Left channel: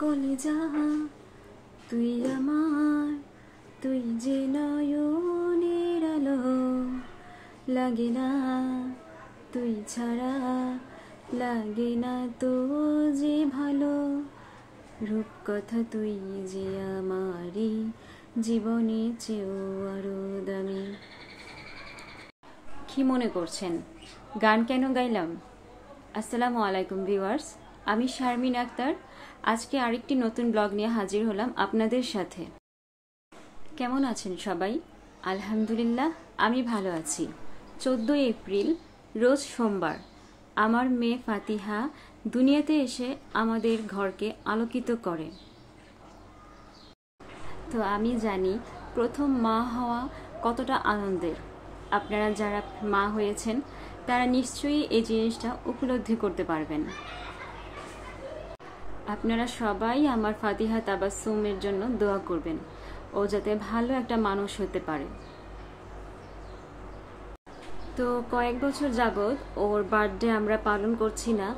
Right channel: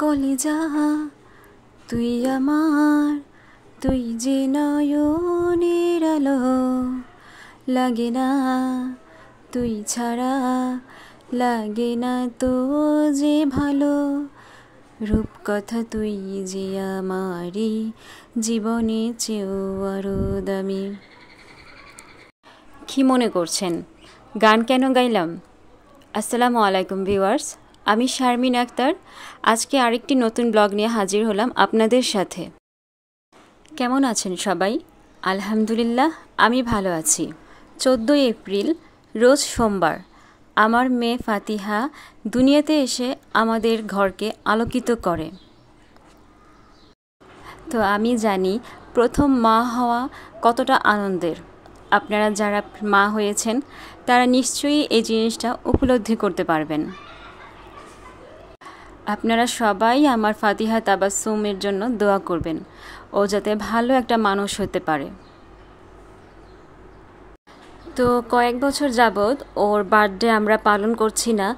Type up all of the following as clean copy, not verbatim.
কলিজা তুই আমার, তুই যে নয়নের আলো, লাগে না তুই ছাড়া, লাগে না তো যে ভালো। রূপকথা তুই যে আমারই জীবনে চেয়েও আরো দামি। কি মনে করছেন গান কেন গাইলাম? আসসালামু আলাইকুম ভিউয়ার্স, আমি শারমিন আক্তার। আজকে আরেকটি নতুন ব্লগ নিয়ে হাজির হলাম আপনাদের সাথে। কেমন আছেন সবাই? আলহামদুলিল্লাহ আমি ভালো আছি। 14 এপ্রিল রোজ সোমবার আমার মেয়ে ফাতিহা দুনিয়াতে এসে আমাদের ঘরকে আলোকিত করে। তো আমি জানি প্রথম মা হওয়া কতটা আনন্দের। আপনারা যারা মা হয়েছেন তারা নিশ্চয়ই এই জিনিসটা উপলব্ধি করতে পারবেন। আপনারা সবাই আমার ফাতিহা তাবাসসুমের জন্য দোয়া করবেন, ও যাতে ভালো একটা মানুষ হতে পারে। তো কয়েক বছর যাবৎ ওর বার্থডে আমরা পালন করছি না।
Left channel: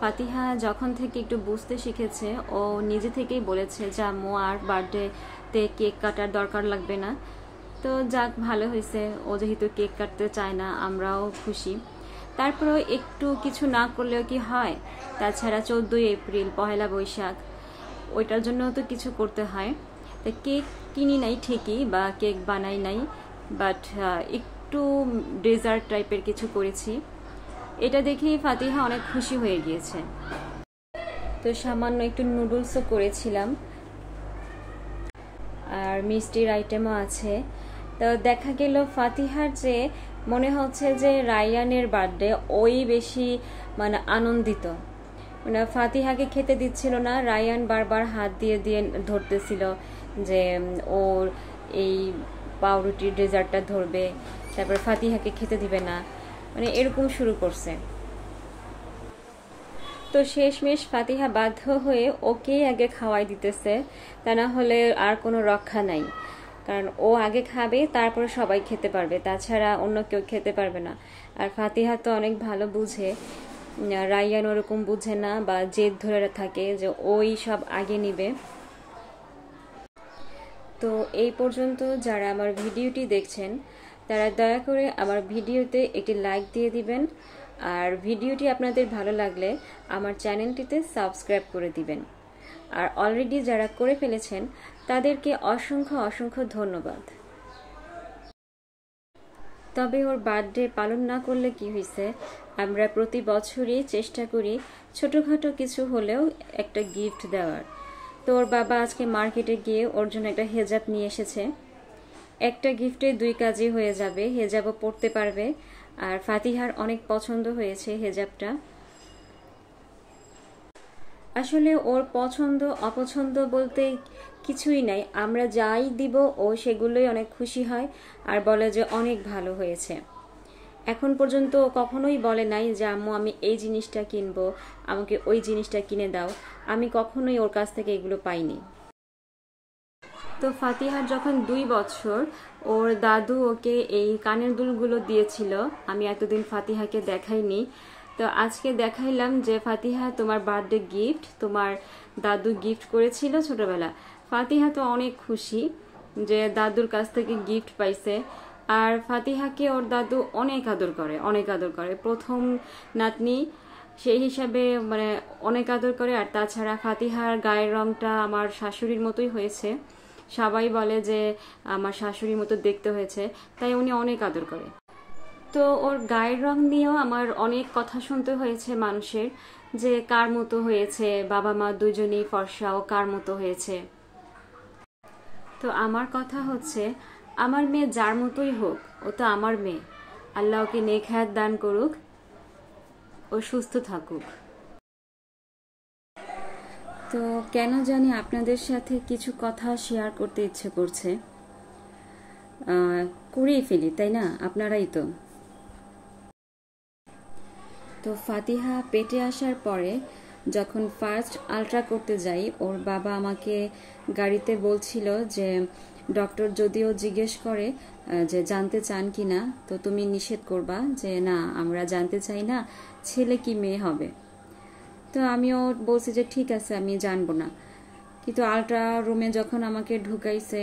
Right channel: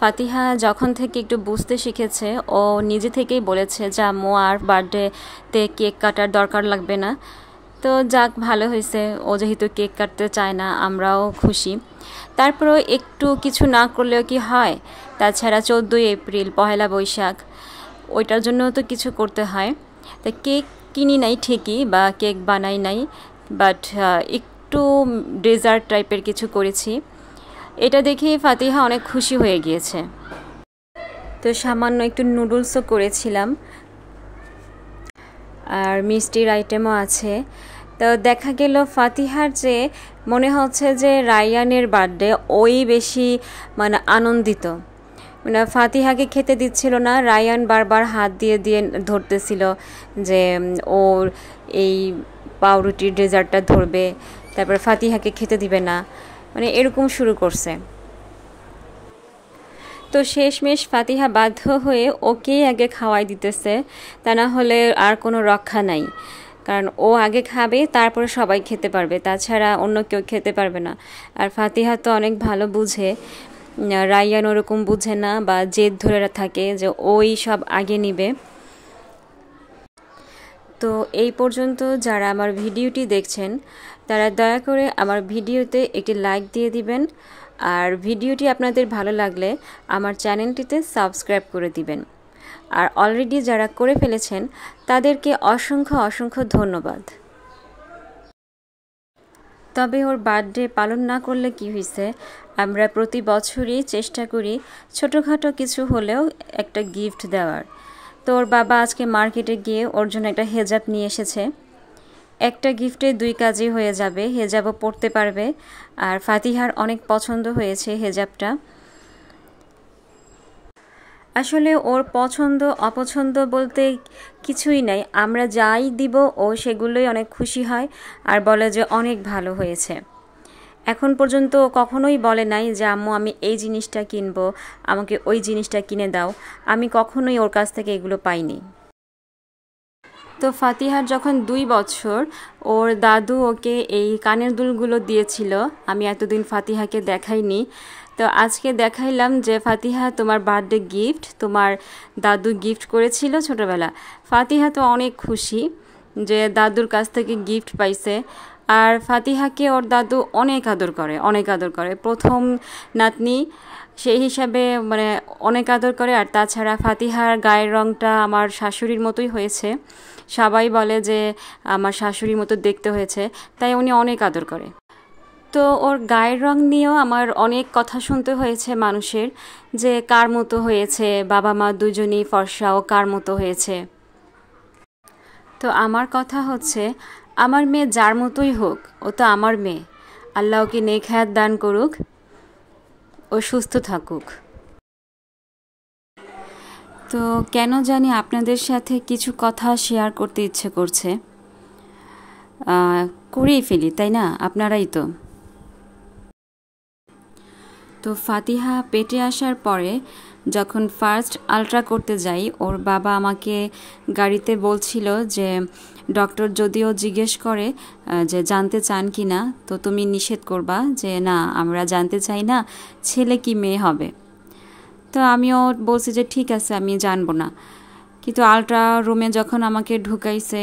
ফাতিহা যখন থেকে একটু বুঝতে শিখেছে ও নিজে থেকেই বলেছে যে আম্মু আর বার্থডেতে কেক কাটার দরকার লাগবে না। তো যাক, ভালো হয়েছে, ও যেহেতু কেক কাটতে চায় না আমরাও খুশি। তারপরেও একটু কিছু না করলেও কি হয়? তাছাড়া 14 এপ্রিল পহেলা বৈশাখ, ওইটার জন্য তো কিছু করতে হয়। তা কেক কিনি নাই ঠিকই, বা কেক বানাই নাই, বাট একটু ডেজার্ট টাইপের কিছু করেছি। এটা দেখে ফাতিহা অনেক খুশি হয়ে গিয়েছে। তো সামান্য একটু নুডলসও করেছিলাম, আর মিষ্টির আইটেমও আছে। তো দেখা গেল ফাতিহার যে মনে হচ্ছে যে রায়ানের বার্থডে ওই বেশি আনন্দিত। ফাতিহাকে খেতে দিচ্ছিল না, রায়ান বারবার হাত দিয়ে দিয়ে ধরতেছিল যে ওর এই পাউরুটির ডেজার্টটা ধরবে, তারপরে ফাতিহাকে খেতে দিবে না, এরকম শুরু করছে। তো শেষমেশ ফাতিহা বাধ্য হয়ে ওকেই আগে খাওয়াই দিতেছে, তা না হলে আর কোনো রক্ষা নাই। কারণ ও আগে খাবে, তারপরে সবাই খেতে পারবে, তাছাড়া অন্য কেউ খেতে পারবে না। আর ফাতিহা তো অনেক ভালো বুঝে, রায়ান ওরকম বুঝে না, বা জেদ ধরে থাকে যে ওই সব আগে নিবে। তো এই পর্যন্ত যারা আমার ভিডিওটি দেখছেন তারা দয়া করে আমার ভিডিওতে একটি লাইক দিয়ে দিবেন, আর ভিডিওটি আপনাদের ভালো লাগলে আমার চ্যানেলটিতে সাবস্ক্রাইব করে দিবেন। আর অলরেডি যারা করে ফেলেছেন তাদেরকে অসংখ্য অসংখ্য ধন্যবাদ। তবে ওর বার্থডে পালন না করলে কি হয়েছে, আমরা প্রতি বছরই চেষ্টা করি ছোটোখাটো কিছু হলেও একটা গিফট দেওয়ার। তো ওর বাবা আজকে মার্কেটে গিয়ে ওর জন্য একটা হেজাব নিয়ে এসেছে। একটা গিফটে 2 কাজই হয়ে যাবে, হেজাবও পরতে পারবে, আর ফাতিহার অনেক পছন্দ হয়েছে হেজাবটা। আসলে ওর পছন্দ অপছন্দ বলতে কিছুই নাই, আমরা যাই দিব ও সেগুলোই অনেক খুশি হয় আর বলে যে অনেক ভালো হয়েছে। এখন পর্যন্ত কখনোই বলে নাই যে আম্মু আমি এই জিনিসটা কিনবো, আমাকে ওই জিনিসটা কিনে দাও। আমি কখনোই ওর কাছ থেকে এগুলো পাইনি। তো ফাতিহার যখন 2 বছর, ওর দাদু ওকে এই কানের দুলগুলো দিয়েছিল। আমি এতদিন ফাতিহাকে দেখাইনি, তো আজকে দেখাইলাম যে ফাতিহা তোমার বার্থডে গিফট তোমার দাদু গিফট করেছিল ছোটোবেলা। ফাতিহা তো অনেক খুশি যে দাদুর কাছ থেকে গিফট পাইছে। আর ফাতিহাকে ওর দাদু অনেক আদর করে, অনেক আদর করে, প্রথম নাতনি সেই হিসাবে অনেক আদর করে। আর তাছাড়া ফাতিহার গায়ের রঙটা আমার শাশুড়ির মতোই হয়েছে, সবাই বলে যে আমার শাশুড়ির মতো দেখতে হয়েছে, তাই উনি অনেক আদর করে। তো ওর গায়ের রং নিয়েও আমার অনেক কথা শুনতে হয়েছে মানুষের, যে কার মতো হয়েছে, বাবা মা দুজনেই ফর্সা, ও কার মতো হয়েছে। তো আমার কথা হচ্ছে, আমার মেয়ে যার মতোই হোক, ও তো আমার মেয়ে। আল্লাহ ওকে নেক হায়াত দান করুক, ও সুস্থ থাকুক। তো কেন জানি আপনাদের সাথে কিছু কথা শেয়ার করতে ইচ্ছে করছে, করেই ফেলি, তাই না? আপনারাই তো। তো ফাতিহা পেটে আসার পরে যখন ফার্স্ট আলট্রা করতে যাই, ওর বাবা আমাকে গাড়িতে বলছিল যে ডক্টর যদিও জিজ্ঞেস করে যে জানতে চান কি না, তো তুমি নিষেধ করবা যে না আমরা জানতে চাই না, ছেলে কি মেয়ে হবে। তো আমিও বলছি যে ঠিক আছে আমি জানবো না। কিন্তু আলট্রা রুমে যখন আমাকে ঢুকাইছে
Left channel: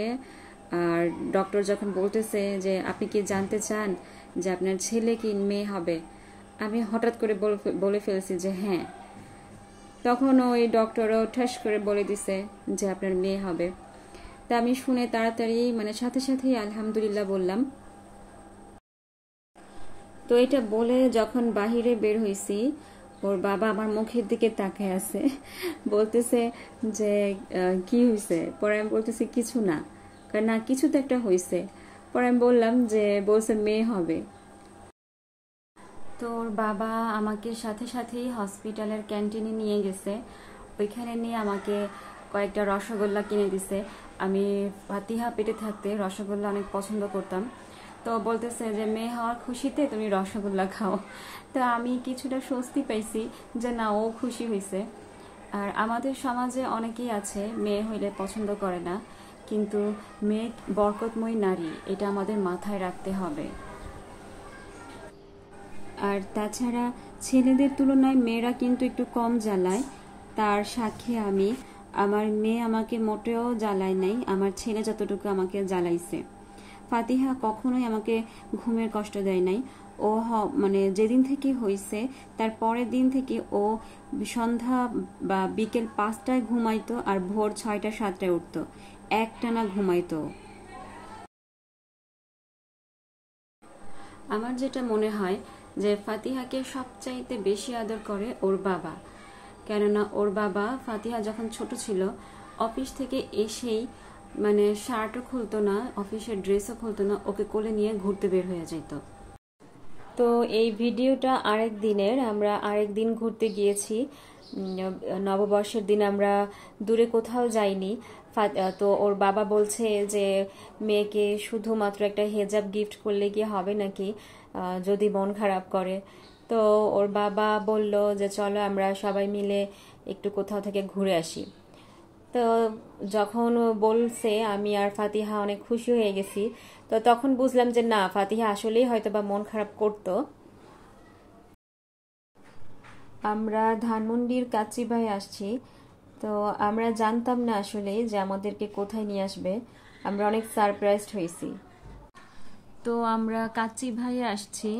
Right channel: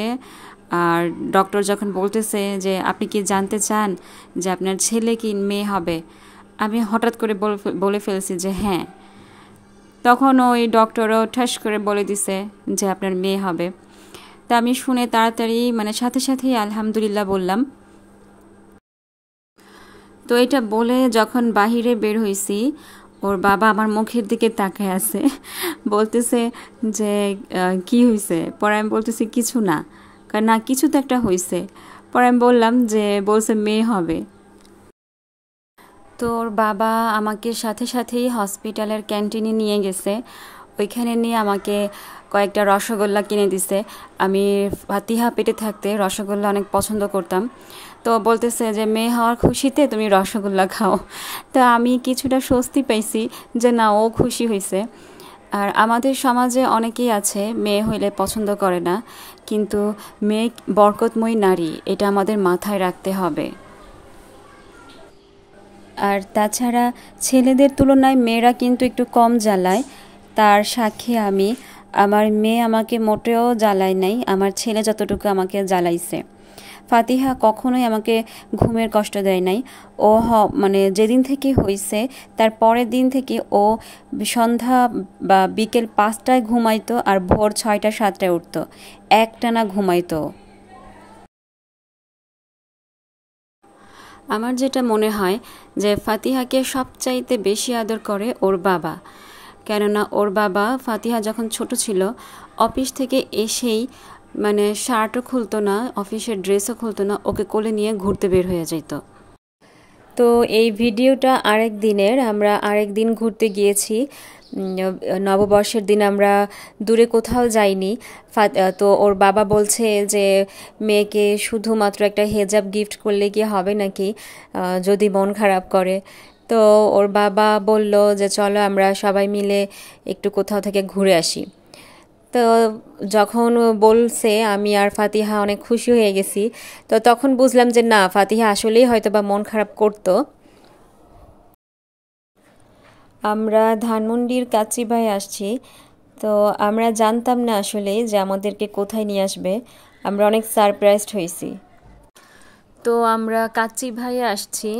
আর ডক্টর যখন বলতেছে যে আপনি কি জানতে চান যে আপনার ছেলে কি মেয়ে হবে, আমি হঠাৎ করে বলে ফেলছি যে হ্যাঁ। তখন ওই ডক্টরও ঠাস করে বলে দিছে যে আপনার মেয়ে হবে। তা আমি শুনে তাড়াতাড়ি মানে সাথে সাথেই আলহামদুলিল্লাহ বললাম। তো এটা বলে যখন বাহিরে বের হয়েছি, ওর বাবা আমার মুখের দিকে তাকায় আছে, বলতেছে যে কি হয়েছে। পরে আমি বলতেছি কিছু না, কারণ না কিছু তো একটা হয়েছে। পরে আমি বললাম যে বলছে মেয়ে হবে। তো ওর বাবা আমাকে সাথে সাথেই হসপিটালের ক্যান্টিনে নিয়ে গেছে। ওইখানে নিয়ে আমাকে কয়েকটা রসগোল্লা কিনে দিছে। আমি ফাতিহা পেটে থাকতে রসগোল্লা অনেক পছন্দ করতাম। তো বলতেছে যে মেয়ে হওয়ার খুশিতে তুমি রসগোল্লা খাও। তো আমি কিছুটা স্বস্তি পাইছি যে না, ও খুশি হয়েছে। আর আমাদের সমাজে অনেকেই আছে মেয়ে হইলে পছন্দ করে না, কিন্তু মেয়ে বরকতময়ী নারী, এটা আমাদের মাথায় রাখতে হবে। আর তাছাড়া ছেলেদের তুলনায় মেয়েরা কিন্তু একটু কম জ্বালায়, তার সাক্ষী আমি। আমার মেয়ে আমাকে মোটেও জ্বালায় নাই, আমার ছেলে যতটুকু আমাকে জ্বালাইছে। ফাতিহা কখনোই আমাকে ঘুমের কষ্ট দেয় নাই। ও মানে যেদিন থেকে হয়েছে তার পরের দিন থেকে ও সন্ধ্যা বা বিকেল 5টায় ঘুমাইতো আর ভোর 6টা 7টায় উঠতো, একটানা ঘুমাইতো। আমার যেটা মনে হয় যে ফাতিহাকে সবচাইতে বেশি আদর করে ওর বাবা। কেননা ওর বাবা ফাতিহা যখন ছোট ছিল অফিস থেকে এসেই মানে শার্টও খুলতো না, অফিসের ড্রেসও খুলতো না, ওকে কোলে নিয়ে ঘুরতে বের হয়ে যেত। তো এই ভিডিওটা আরেক দিনের। আমরা আরেক দিন ঘুরতে গিয়েছি, নববর্ষের দিন আমরা দূরে কোথাও যাইনি। তো ওর বাবা বলছে যে মেয়েকে শুধুমাত্র একটা হেজাব গিফট করলে কি হবে নাকি, যদি মন খারাপ করে। তো ওর বাবা বলল যে চলো আমরা সবাই মিলে একটু কোথাও থেকে ঘুরে আসি। তো যখন বলছে আমি আর ফাতিহা অনেক খুশি হয়ে গেছি। তো তখন বুঝলাম যে না, ফাতিহা আসলেই হয়তো বা মন খারাপ করতো। আমরা ধানমন্ডির কাচ্চিবাই আসছি। তো আমরা জানতাম না আসলে যে আমাদেরকে কোথায় নিয়ে আসবে, আমরা অনেক সারপ্রাইজড হয়েছি। তো আমরা কাচ্চিভাইয়ে আসছি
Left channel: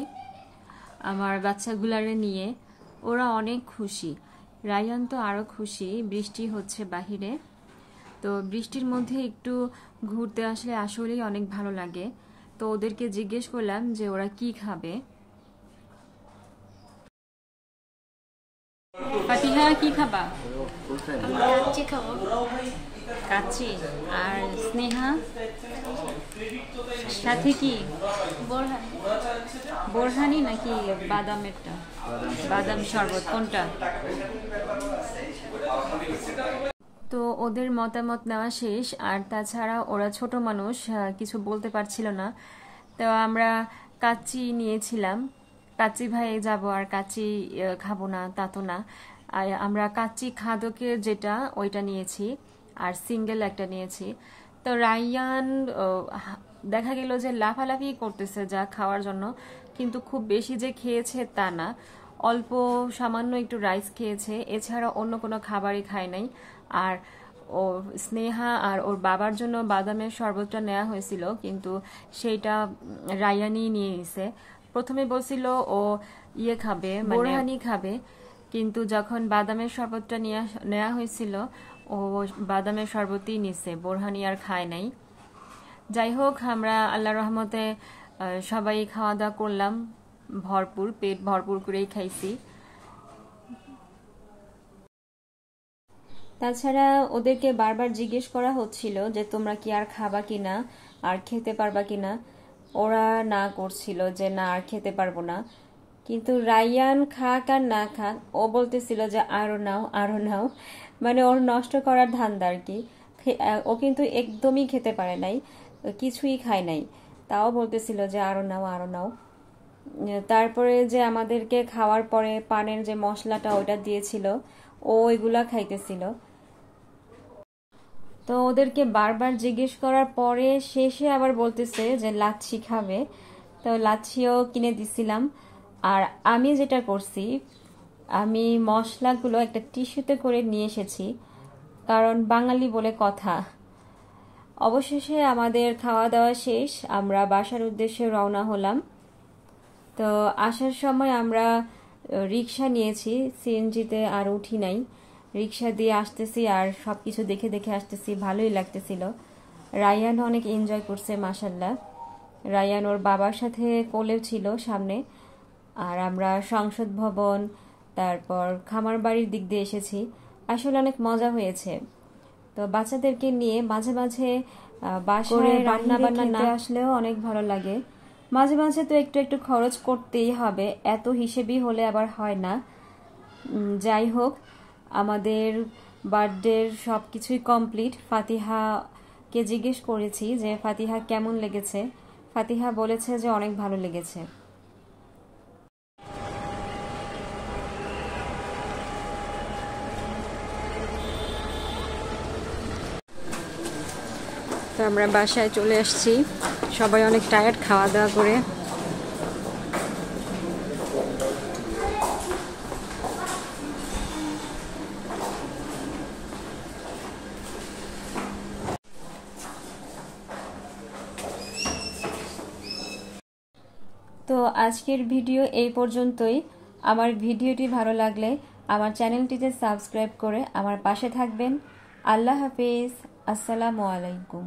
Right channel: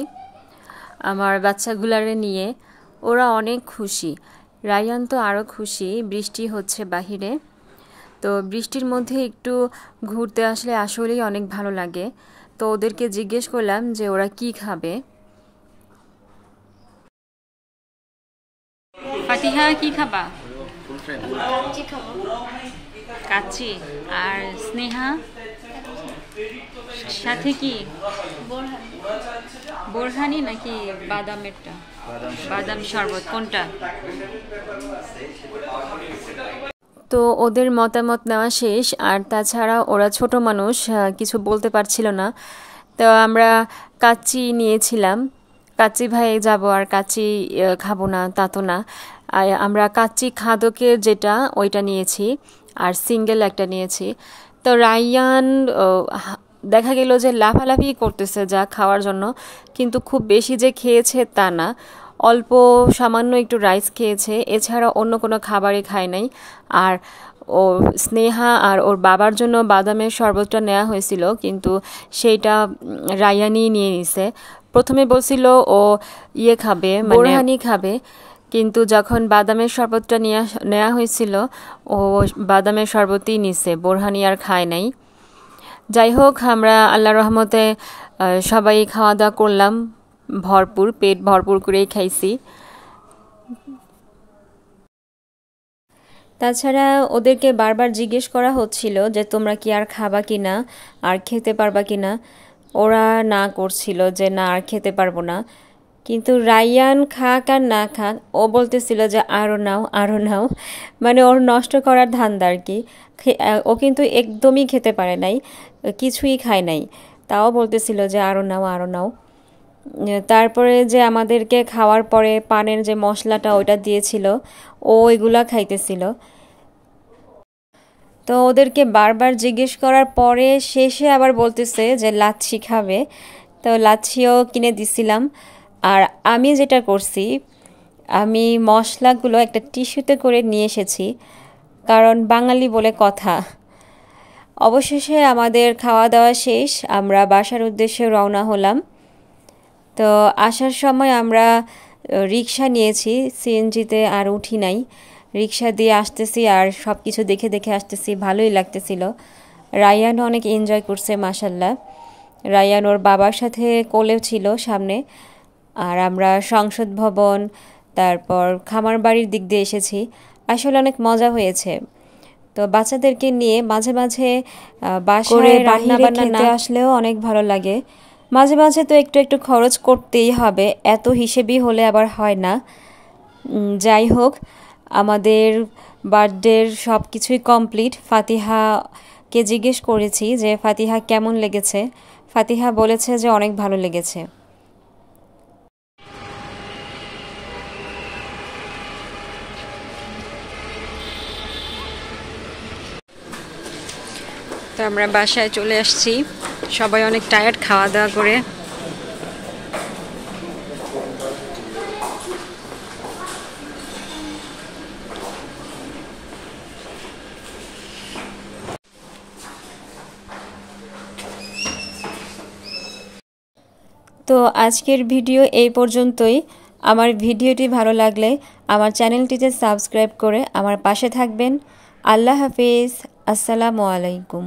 আমার বাচ্চাগুলারে নিয়ে, ওরা অনেক খুশি। রায়ান তো আরও খুশি, বৃষ্টি হচ্ছে বাহিরে। তো বৃষ্টির মধ্যে একটু ঘুরতে আসলে আসলেই অনেক ভালো লাগে। তো ওদেরকে জিজ্ঞেস করলাম যে ওরা কি খাবে। ফাতিহা কি খাবা? কাচ্চি। আর স্নেহা সাথে কি? বোরহানি নাকি বাদামেরটা? বাদাম শরবত কোনটা? তো ওদের মতামত নেওয়া শেষ। আর তাছাড়া ওরা ছোট মানুষ, কিছু বলতে পারছিল না। তো আমরা কাচ্চি নিয়েছিলাম। কাচ্চি ভাই যাব আর কাচ্চি খাবো না তা তো না। আমরা কাচ্চি খাদকের যেটা ওইটা নিয়েছি, আর সিঙ্গেল একটা নিয়েছি। তো রায়ান দেখা গেল যে লাফালাফি করতেছে যা খাওয়ার জন্য, কিন্তু খুব বেশি যে খেয়েছে তা না, অল্প সামান্য একটু রাইস খেয়েছে, এছাড়া অন্য কোনো খাবারই খায় নাই। আর ও স্নেহা আর ওর বাবার জন্য বাদামের শরবতটা নেওয়া হয়েছিল, কিন্তু সেইটা রায়ানই নিয়ে নিছে। প্রথমে বলছিল ও ইয়ে খাবে, বোরহানি খাবে, কিন্তু যখন বাদামের শরবতটা নেওয়া হয়েছিল ও বাদামের শরবতই নিছে, বোরহানি আর খায় নাই। যাই হোক, আমরা আল্লাহর রহমতে সবাই খাওয়া দাওয়া করলাম, ভরপুর পেট ভরপুর করেই খাইছি। তাছাড়া ওদেরকে বারবার জিজ্ঞেস করা হচ্ছিল যে তোমরা কি আর খাবা কি না, আর খেতে পারবা কি না। ওরা না করছিল যে না আর খেতে পারবো না। কিন্তু রায়ান খাক আর না খাক, ও বলতেছিল যে আরও নাও আরও নাও, মানে ওর নষ্ট করার ধান্দা আর কি। ও কিন্তু একদমই খেতে পারে নাই, কিছুই খায় নাই, তাও বলতেছিল যে আরও নাও আরও নাও। তারপরে যে আমাদেরকে খাওয়ার পরে পানের যে মশলাটা ওইটা দিয়েছিল, ও এগুলা খাইতেছিল। তো ওদেরকে বারবার জিজ্ঞেস করার পরে শেষে আবার বলতেছে যে লাচ্ছি খাবে। তো লাচ্ছিও কিনে দিছিলাম। আর আমি যেটা করছি, আমি মশলাগুলো একটা টিস্যুতে করে নিয়ে এসেছি। কারণ বাঙালি বলে কথা। অবশেষে আমাদের খাওয়া দাওয়া শেষ, আমরা বাসার উদ্দেশ্যে রওনা হলাম। তো আসার সময় আমরা রিক্সা নিয়েছি, সিএনজিতে আর উঠি নাই। রিক্সা দিয়ে আসতেছি আর সব কিছু দেখে দেখে আসতেছি, ভালোই লাগতেছিল। রায়ানও অনেক এনজয় করছে মাশাল্লাহ। রায়ান ওর বাবার সাথে কোলেও ছিল সামনে। আর আমরা সংসদ ভবন, তারপর খামার বাড়ির দিক দিয়ে এসেছি। আসলে অনেক মজা হয়েছে। তো বাচ্চাদেরকে নিয়ে মাঝে মাঝে বাসায় রান্না বান্না না আসলেও অনেক ভালো লাগে। মাঝে মাঝে তো একটু একটু খরচ করতেই হবে, এত হিসেবই হলে আবার হয় না। যাই হোক, আমাদের বার্থডের সব কিছুই কমপ্লিট। ফাতিহাকে জিজ্ঞেস করেছি যে ফাতিহা কেমন লেগেছে। ফাতিহা বলেছে যে অনেক ভালো লেগেছে। তো আমরা বাসায় চলে আসছি, সবাই অনেক টায়ার্ড খাওয়া দাওয়া করে। তো আজকের ভিডিও এই পর্যন্তই। আমার ভিডিওটি ভালো লাগলে আমার চ্যানেলটিতে সাবস্ক্রাইব করে আমার পাশে থাকবেন। আল্লাহ হাফেজ, আসসালামু আলাইকুম।